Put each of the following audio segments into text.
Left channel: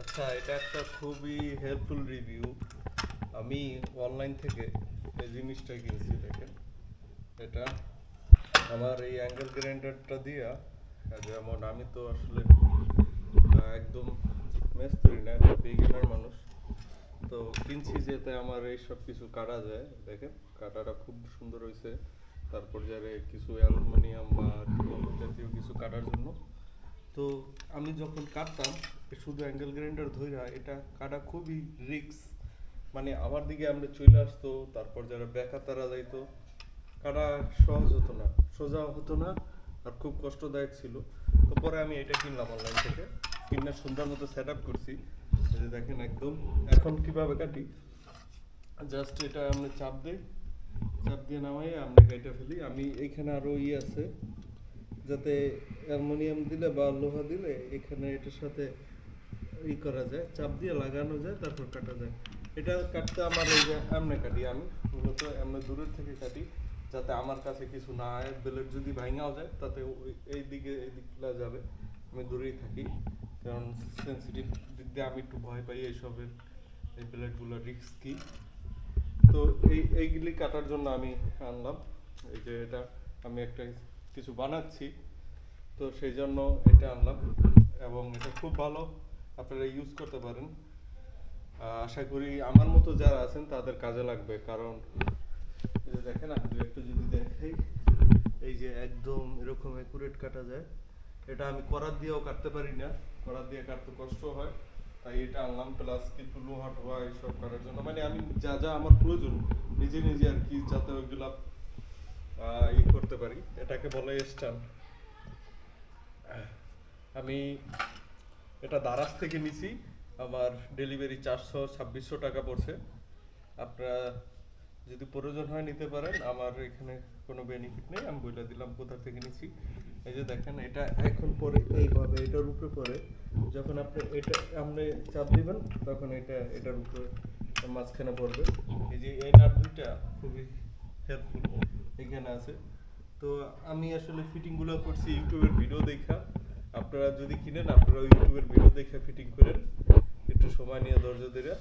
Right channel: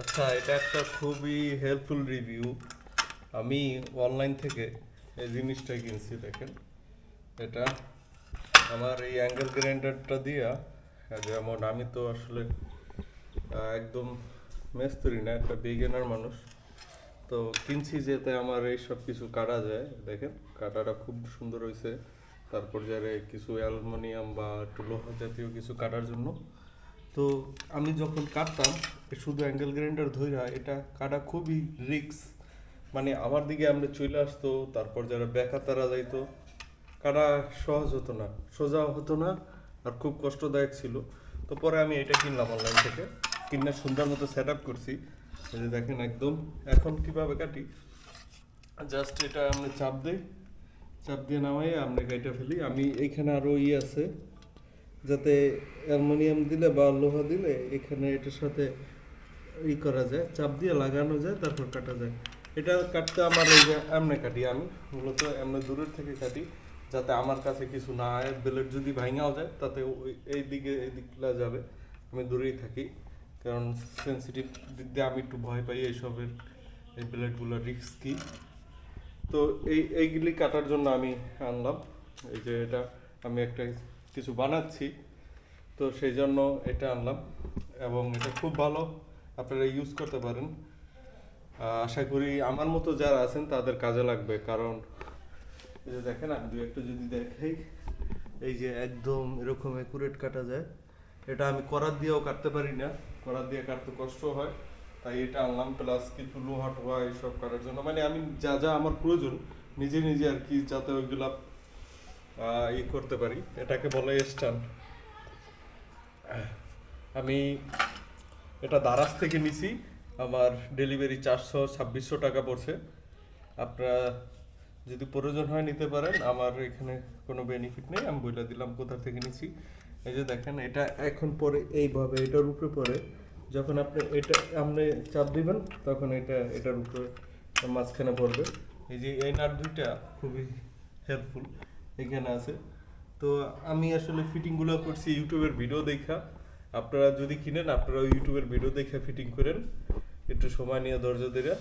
আচ্ছা, এটা একটা খুবই হেল্পফুল রিভিউ। আমি অনলাইন থেকে এই জিনিসটা কিনছি, দেখেন। এটা আমার এই অ্যাঙ্গেল গ্রাইন্ডারটা দিয়া, যেমন আমি তো আসলে একদম মেস্তরি না, একটা বিগিনার মানুষ। তো কিনছি যেতে আমার এই সব কিছু কাটা যায়, দেখেন কাটাটা খুব সুন্দর হয়েছে। তারপর যারে কিছু অ্যালুমিনিয়াম বা টুলো জাতীয় কিছু কাটার জন্য। তো আমি যখন কাটতাম শুধু অ্যাঙ্গেল গ্রাইন্ডার ধইরা, এটা কাটা খুবই রিস্ক। মানে আমার দিকে আমরা চলে আসতো, তারপর যারা বেকা তারা যাইতো, কাটা সহজ হতো না, সোজা হতো না, আর খুব কষ্টদায়ক ছিল। তো পরে আমি এটা কিনলাম অনলাইন থেকে, কিনে সুন্দর মতো সেট আপ করছি। এই যে দেখেন একদম। এখন কিভাবে কাটি, জাস্ট এটা আমি চাপ দিই, চাপ দিয়ে নামাই আমরা কেটে ফেলি। আমি এইখানে আরো আছে, যাতে অ্যালুমিনিয়াম দিলে বা লোহা দিলে এখানে এটার সাথে করা যায়, চাপ দিয়ে লাগানো যায়, তারপর কাটা যায়। এটা কাটতে আমার এই যে এমনে কাটি, আমি মূলত এমনি দূরের থেকে কাটি, যাতে আমার কাছে কিছু না হয়। ব্লেড যদি ভাঙাও যায় তাতে এই দিকে এই দিকটা যাবে, আমি দূরেই থাকি। কারণ সেন্সিটিভ দিক দিয়ে আমি একটু ভয় পাই এইসবের, এই ব্লেডগুলো রিস্কি। তো এইগুলি কাটার জন্য আমি আনলাম। এই যে এটা আমি একটা কিছু বানাচ্ছি, তো সেই জন্য এটা আনলাম। এবং এটা খুব ভালো, আপনারা ইউজ করতে পারেন। আশা করি আমার মতো যারা আছেন তাদের কাজে লাগবে। কারণ এই যে দেখেন, আমি দু একটা যদি দেখাই, এই যে একদম এরকম একুরেট কাটা যায়। এটা আমি করাত দিয়েও কাটতে পারি না, করাত দিয়ে কাটতে কষ্ট হয়। তাই এটা আনলাম, প্লাস কিছু লোহা টোহা এইসব কাটার জন্য। মানে আমি যা যা আমার প্রয়োজন নিজে নিজে আর কি, যাতে ওইগুলা করতে পারি। এটাকে বলে স্ট্যান্ড। আমি এটা দারাজ থেকে নিছি, আমার ডেলিভারি 400-2600 টাকা পড়ছে। আপনারা যদি প্রয়োজন হয় নিতে পারেন, আমার এখানে কোনো বেনিফিট নেই, আমি বলে দিলাম কোথা থেকে নিছি। এই যে দেখেন, এটা এখন পরে এইভাবে এটার উপরে পরে, যখন আপনি এটা আপনি চাপ দিবেন তখন এটা এটার উপরে মাঝখানে পড়বে। এই যে এই নাট দুইটা খুবই হেল্পফুল এখানে আছে। তো আমি আসলে ফিটিংগুলো করছি ইউটিউবের ভিডিও দেখা। আপনারা যদি কিনেন, আপনারা ইউটিউবের ভিডিও দেখে ফিটিং করেন, একটু সময় নিয়ে ধৈর্য ধরে।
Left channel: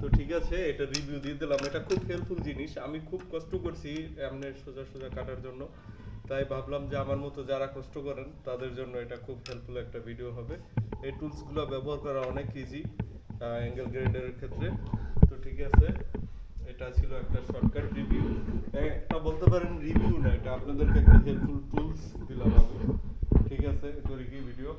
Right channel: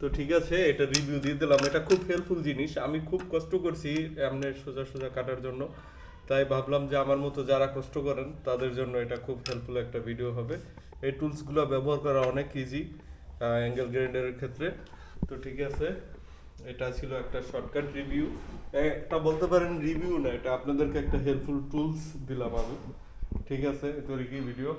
তো ঠিক আছে, এটা রিভিউ দিয়ে দিলাম। এটা খুব হেল্পফুল জিনিস, আমি খুব কষ্ট করছি এমনি সোজা সোজা কাটার জন্য। তাই ভাবলাম যে আমার মতো যারা কষ্ট করেন তাদের জন্য এটা খুব হেল্পফুল একটা ভিডিও হবে। এই টুলসগুলো ব্যবহার করা অনেক ইজি অ্যাঙ্গেল গ্রাইন্ডারের ক্ষেত্রে। তো ঠিক আছে, এটা ছিল একটা শর্টকাট রিভিউ। এটা বলতে পারেন রিভিউ না, এটা আপনাদেরকে একটা হেল্পফুল টুলস দিলাম আমি। ঠিক আছে, তো কি ভিডিও।